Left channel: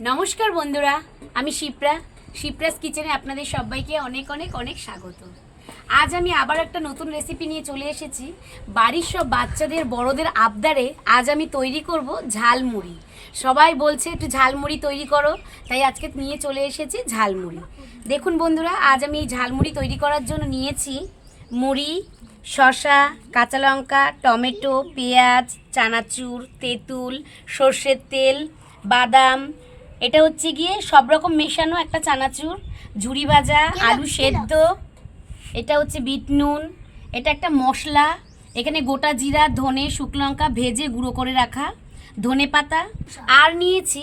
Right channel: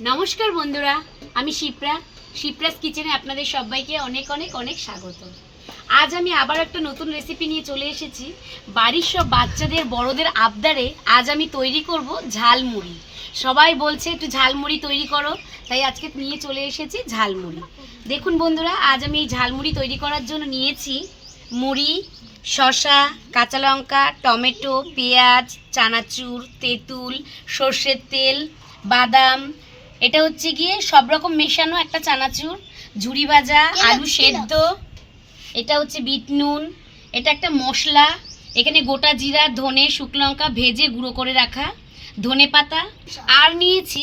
নমস্কার বন্ধুরা, আমি শিপ্রাস কিচেনে আপনাদের সবাইকে অনেক অনেক অনেক স্বাগত। আজ আমি আবার একটা নতুন রেসিপি নিয়ে চলে এসেছি। বাড়ির সব বাচ্চাদের বড়দের আবদারে আজ আমি তৈরি করব ঝালমুড়ি। সবাই বলছে একটু ঝালমুড়ি তৈরি করো, তাই আজকে নিয়ে চলে এসেছি ঝালমুড়ি। দেখুন বন্ধুরা, আজ আমি এই ঝালমুড়ি তৈরি করার জন্য নিয়েছি মুড়ি, শসা, কাঁচা লঙ্কা, টমেটো, পেঁয়াজ, চানাচুর, তেঁতুল, সর্ষের তেল, বাদাম, এটা হচ্ছে গিয়ে সব রকম মেশানো একটা চানাচুর, ঝুরি ভাজা, আলু সেদ্ধ, এটা হচ্ছে বিট নুন, এটা একটা মশলা, এখানে গোটা জিরা, ধনে, শুকনো লঙ্কা ভেজে গুঁড়ো করে রাখা, ধনে পাতা, আর নিয়েছি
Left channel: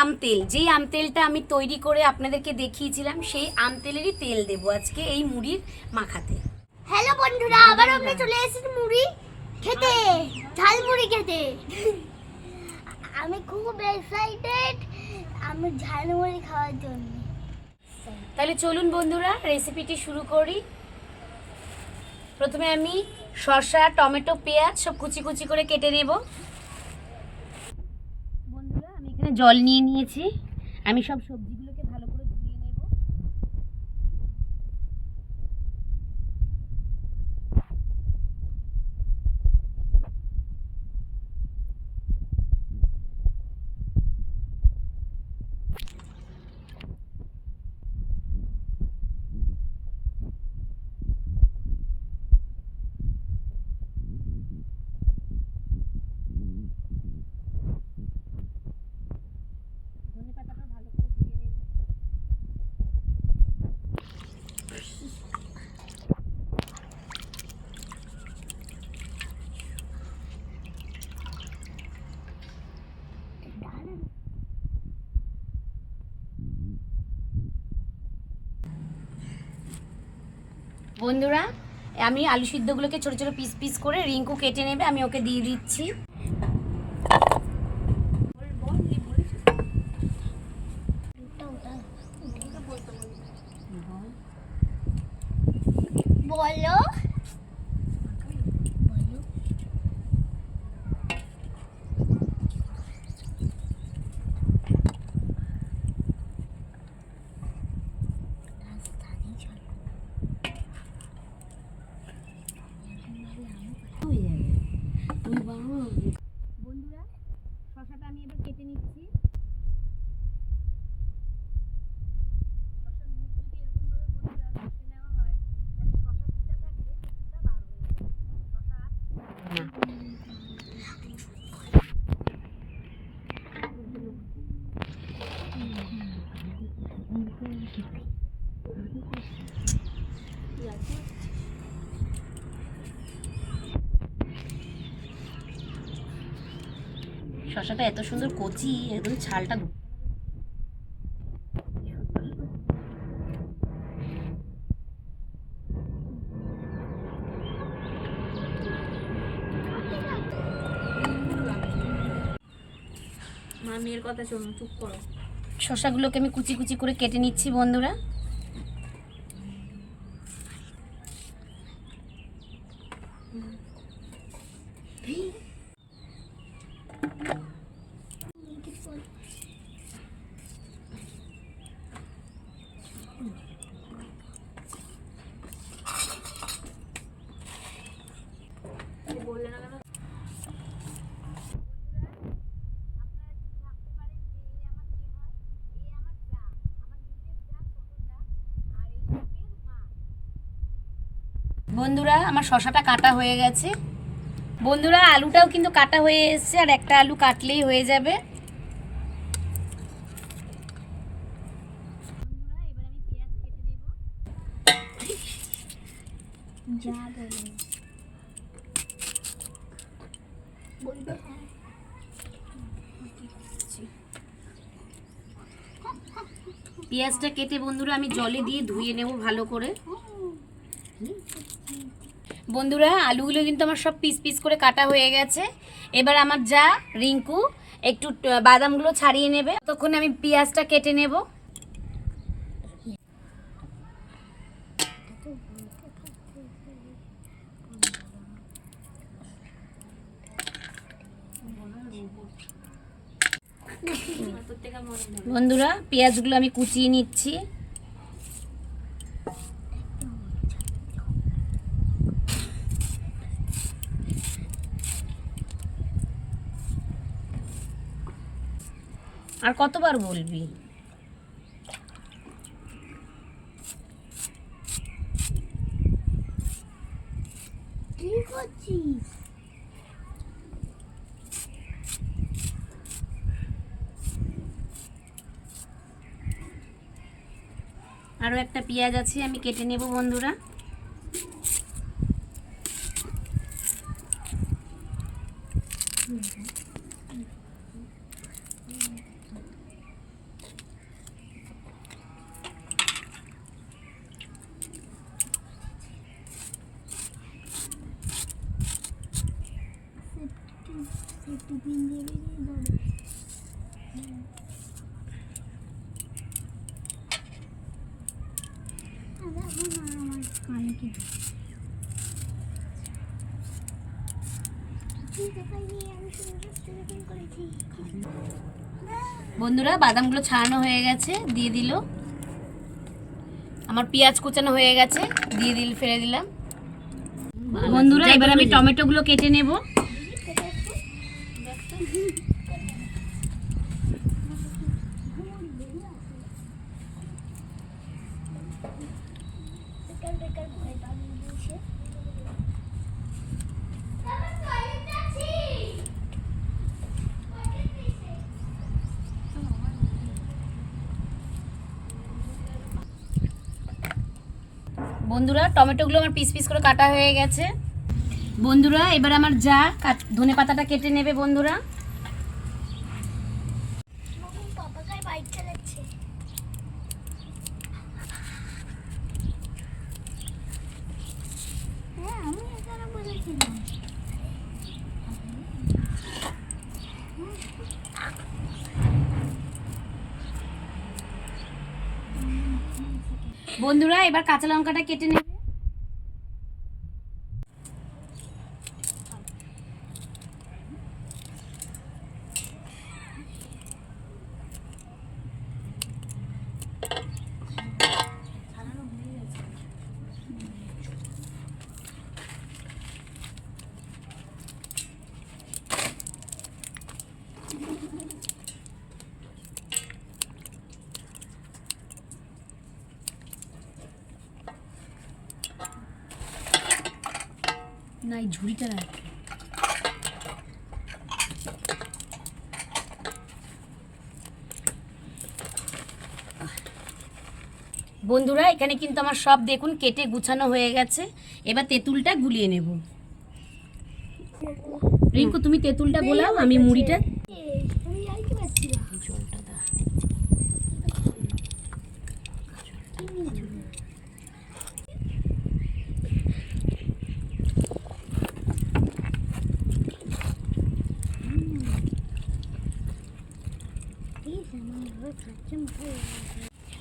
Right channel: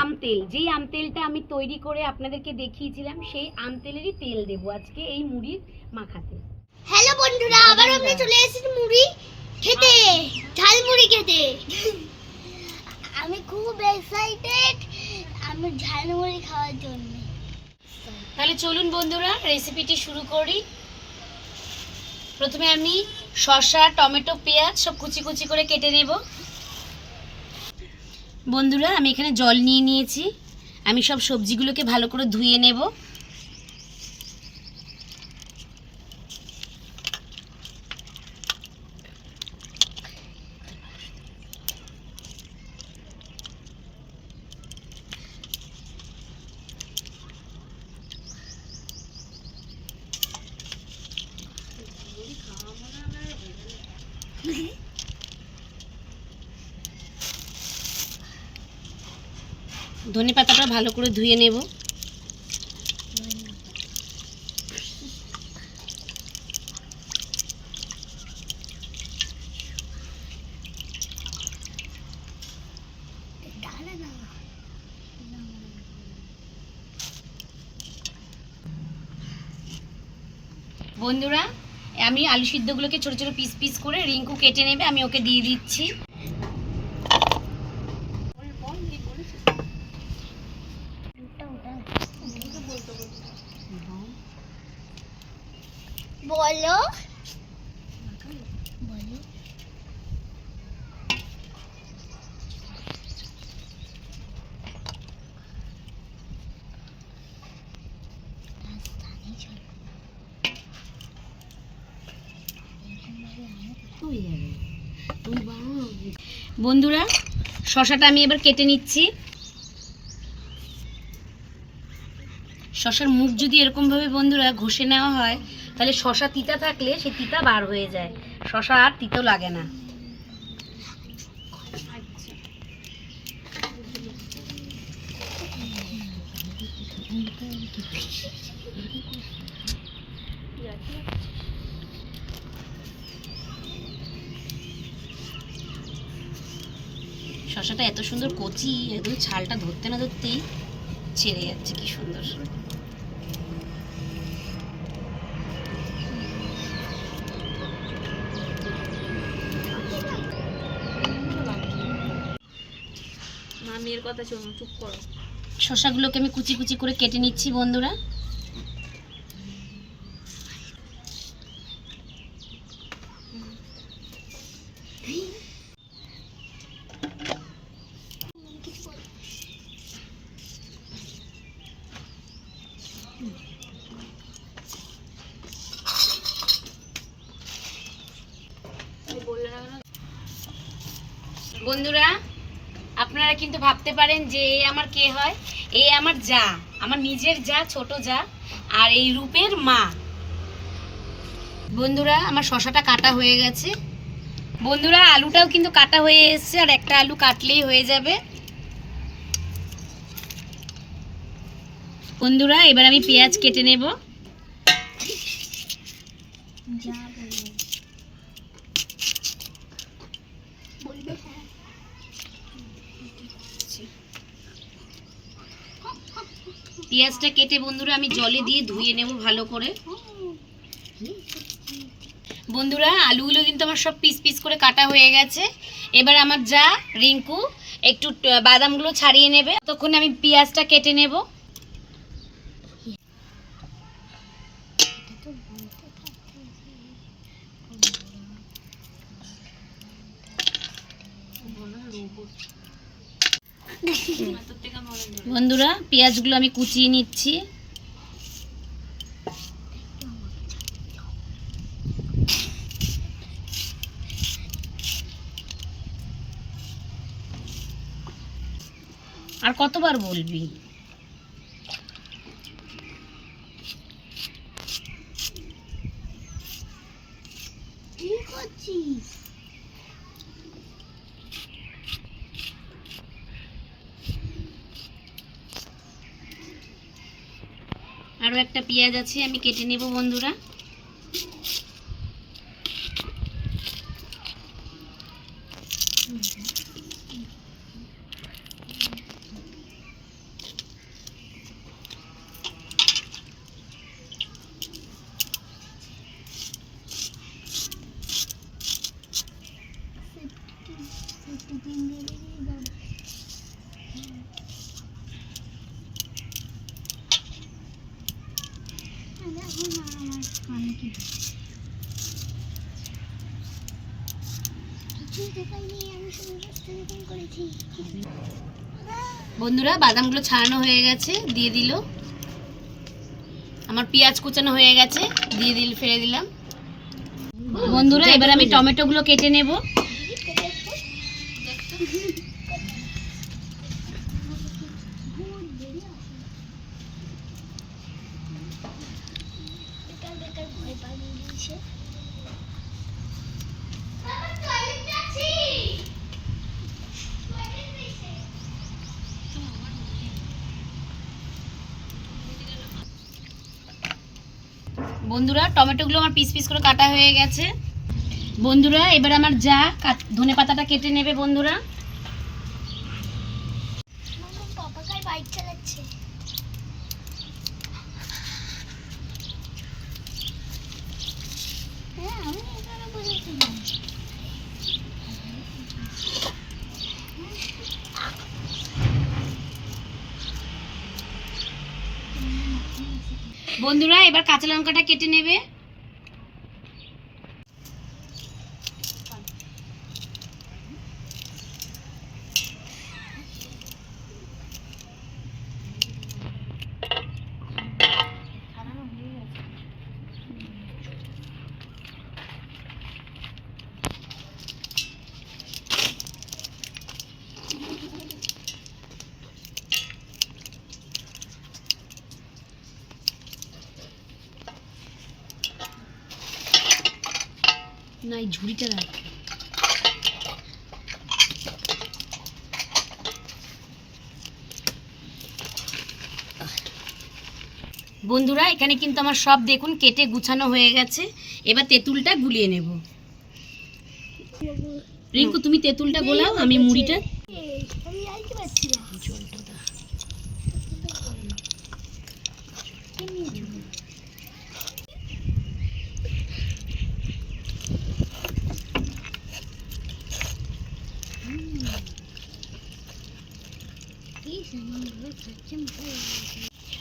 আম তেল। যেই আম তেলটা আমি তৈরি করে আপনাদেরকে দেখিয়েছিলাম, সেই আম তেলেরই তেল দেবো আজকে এই মুড়ির মাখাতে। হ্যালো বন্ধুরা, আবার আমরা চলে এসেছি মুড়ি খেতে, ঝালমুড়ি খেতে। আমি খুব এক্সাইটেড আমি ঝালমুড়ি খাওয়ার জন্য। তাহলে চলুন বন্ধুরা, রেসিপিটি শুরু করি। প্রথমে আমি শসা, টমেটো, পেঁয়াজ সব কুচি কুচি করে কেটে নেব। বন্ধুরা, আমি এখানে জল নিয়ে নিয়েছি। আমি সব সবজিগুলোকে ভালো করে ধুয়ে নেব। ধনে পাতাটা ভালো করে ধুয়ে নেব। বন্ধুরা, আমি আলু সিদ্ধগুলোকে ছোট ছোট পিস পিস করে রিঙ্কু কেটে নেবে, আমি ওকে দিয়ে দিচ্ছি। বলো বন্ধুরা, শসাটা আমি এবার কেটে নিচ্ছি। শসার মুখ যদি এরকমভাবে বন্ধুরা ঘষে নেওয়া হয়, তাহলে শসা তিতা থাকলে সে তিতা বার হয়ে যায়, শসা আর তিতো লাগে না। শসাটা এত সুন্দর কচি, একদম ছালটা ধরতে না ধরতেই ছেড়ে যাচ্ছে, কি সুন্দর। মেয়ের কথা শোনো, চুপ করো। শসাগুলোকে আমি কুচি কুচি করে কেটে নিচ্ছি বন্ধুরা। বন্ধুরা, আপনারা কিন্তু ভাবতে পারেন যে এ আমার কে হয়। এ আমার যা, আমার নিজের যা, ছোট যা, আর এই রূপের মা। বন্ধুরা, আমার শসাটা কাটা হয়ে গেছে। বন্ধুরা, আলুটাও কিন্তু কাটা হয়ে এসেছে, আর একটা আলু কাটলেই হয়ে যাবে। বন্ধুরা, এবার আমি পেঁয়াজ কেটে নেব। পেঁয়াজটা কেটে বন্ধুরা আমি জলে দিয়ে ধুয়ে নেব ভালো করে। বন্ধুরা, আলুগুলো কিন্তু আমার সব পিস পিস করে কাটা হয়ে গেছে। এবার আমার যা রিঙ্কু একটু বাদামগুলো ছাড়িয়ে নেবে, তখন আমি পেঁয়াজটা কেটে নেব। তোর থেকে মনে ধরে। বন্ধুরা পেঁয়াজগুলো আমি কুচিয়ে নিচ্ছি। আর কতবার বলবি? কি করছিস? আরও একটা পেঁয়াজ আছে, আমি কেটে নেব বন্ধুরা। বন্ধুরা বাদামগুলো ছাড়ানো হয়ে গেছে, দিয়ে দিল। আমার পেঁয়াজ কুচানো হয়ে গেছে, দিয়ে ফেলে দিলাম। বন্ধুরা এবার আমি টমেটোগুলো কেটে নেব। বন্ধুরা টমেটোগুলো আমার পিস পিস করে কাটা হয়ে গেছে। বন্ধুরা এবার আমার যা ধনে পাতাটা কেটে নেবে বন্ধুরা। বাইক চালাচ্ছে। হ্যাঁ আমি এখানে বলেছিলাম। বন্ধুরা এবার কাঁচা লঙ্কাটা কেটে নেবে। না এই ঝুড়িটা রাখ। বন্ধুরা এখানে কিন্তু আমার সব দেখুন কেটে গুছানো হয়ে গেছে। এবার তেঁতুলটা গুলিয়ে নেব। রিঙ্কু তুমি তেঁতুলটা গোলাও, আমি মুড়িটা আমি আইতে পারছি না। জলটা দাও।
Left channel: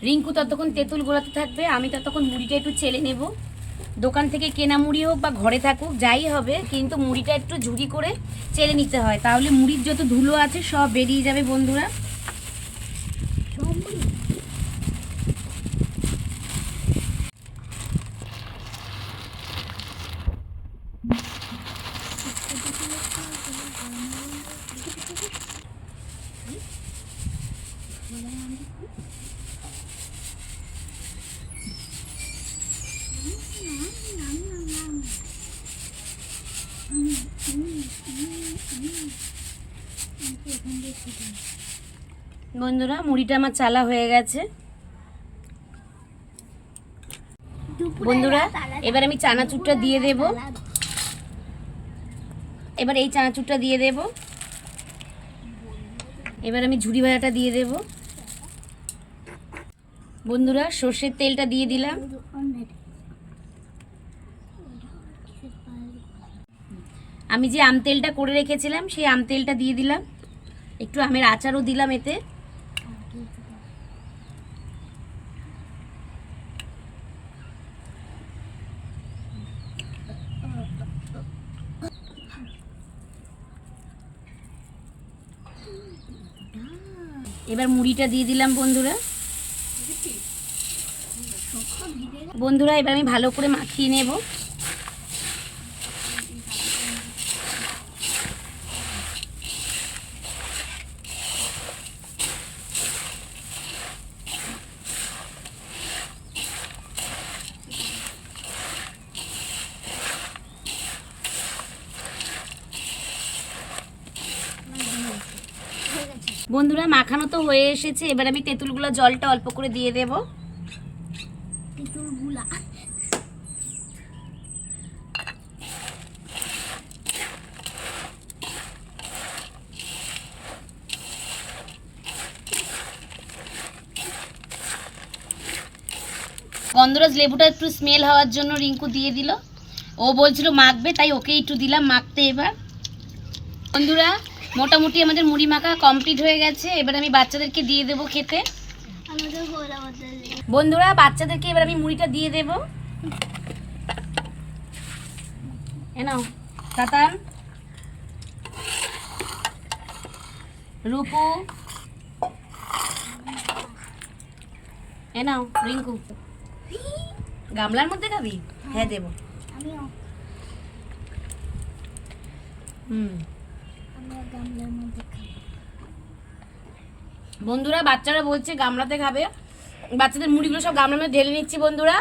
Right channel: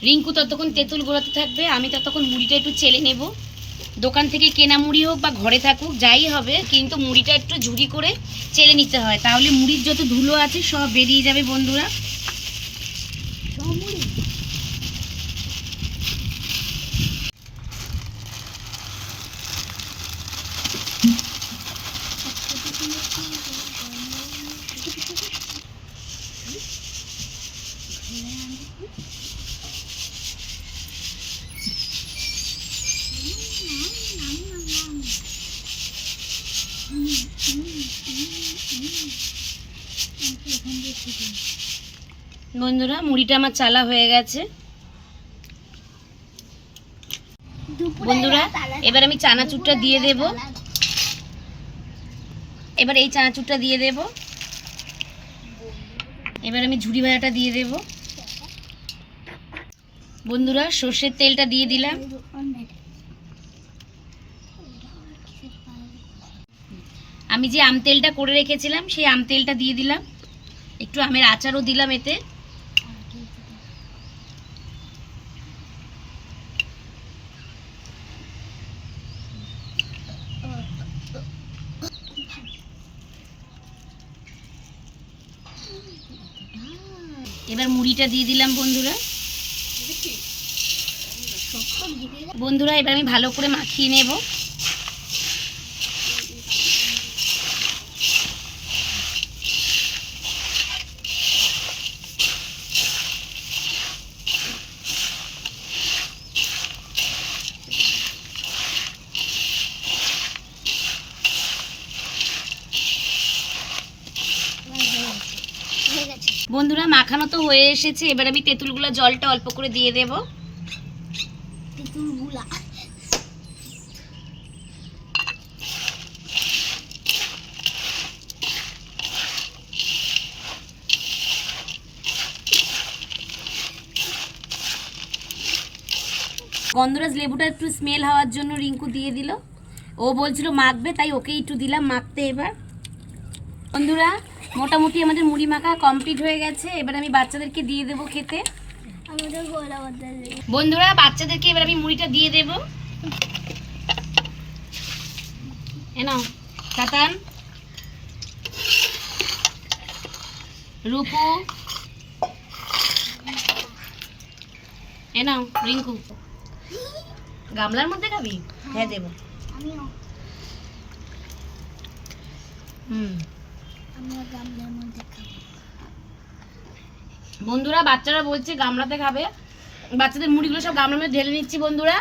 রিঙ্কু ততক্ষণ তেঁতুল গোলাতে থাকবে, আমি ততক্ষণ মুড়িটা একটু চেলে নেব। দোকান থেকে কেনা মুড়ি হোক বা ঘরে থাকুক যাই হবে, কিন্তু মুড়িটা একটু ঝুড়ি করে চেলে নিতে হয়, তাহলে মুড়ির যত ধুলো আছে সব বেরিয়ে যাবে বন্ধুরা। বন্ধুরা মুড়িটা আমার চালা হয়ে গেছে। বন্ধুরা এবার আমি চানাচুরটা দিয়ে দেব। এবার এই চানাচুরটা দিয়ে দেব। এবার আমি ঝুড়ি ভাজাটা দিয়ে দেব। বন্ধুরা সর্ষের তেলটা দিয়ে দিলাম। আমি যে আম তেলটা করে রেখেছিলাম সেই আম তেলটা দিয়ে দিলাম। একটু আমের আচারও দিলাম এতে। এবার মুড়িটা দিয়ে দিলাম বন্ধুরা। বন্ধুরা এবার আমি ভালো করে মাখিয়ে নেব। বন্ধুরা মাখানো তো হয়ে এসেছে, এবার আমি তেঁতুলগুলো জলটা অল্প করে দিয়ে দেব। তেঁতুলগুলা গন্ধরাজ লেবুটা একটু স্মেল হওয়ার জন্য রিঙ্কু দিয়ে দিল। ও বলছিল মাখবে, তাই ওকে একটু দিলাম মাখতে। এবার বন্ধুরা মোটামুটি আমাদের মুড়ি মাখা কমপ্লিট হয়ে গেছে, এবার আমি বাচ্চাদেরকে দিয়ে দেবো খেতে। আমাদের বলা বদলে বন্ধুরা বাচ্চাদেরকে এবার আমি মুড়িটা দিয়ে দেব। এ নাও তাতান, রূপু, এ নাও রিঙ্কু। গামলার মধ্যে খাবি? হ্যাঁ দেবো। আমিও আমিও গামলার মধ্যে খাবো। বন্ধুরা বাচ্চারা বলছে গামলাতে খাবে, বাচ্চাদের মুড়িগুলো সব গামলার মধ্যে ঢেলে নিচ্ছি। বন্ধুরা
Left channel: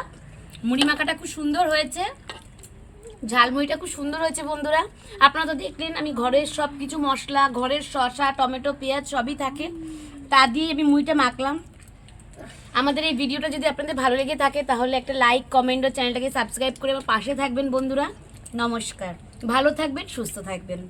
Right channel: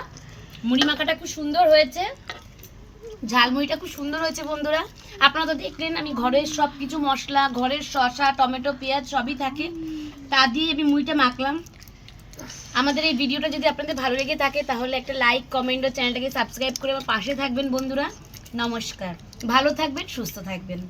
মুড়ি মাখাটা খুব সুন্দর হয়েছে, ঝালমুড়িটা খুব সুন্দর হয়েছে। বন্ধুরা আপনারা তো দেখলেন আমি ঘরের সব কিছু মশলা, ঘরের শসা, টমেটো, পেঁয়াজ সবই থাকে, তা দিয়ে আমি মুড়িটা মাখলাম। আমাদের এই ভিডিওটা যদি আপনাদের ভালো লেগে থাকে তাহলে একটা লাইক, কমেন্ট ও চ্যানেলটাকে সাবস্ক্রাইব করে আমার পাশে থাকবেন। বন্ধুরা নমস্কার, ভালো থাকবেন, সুস্থ থাকবেন।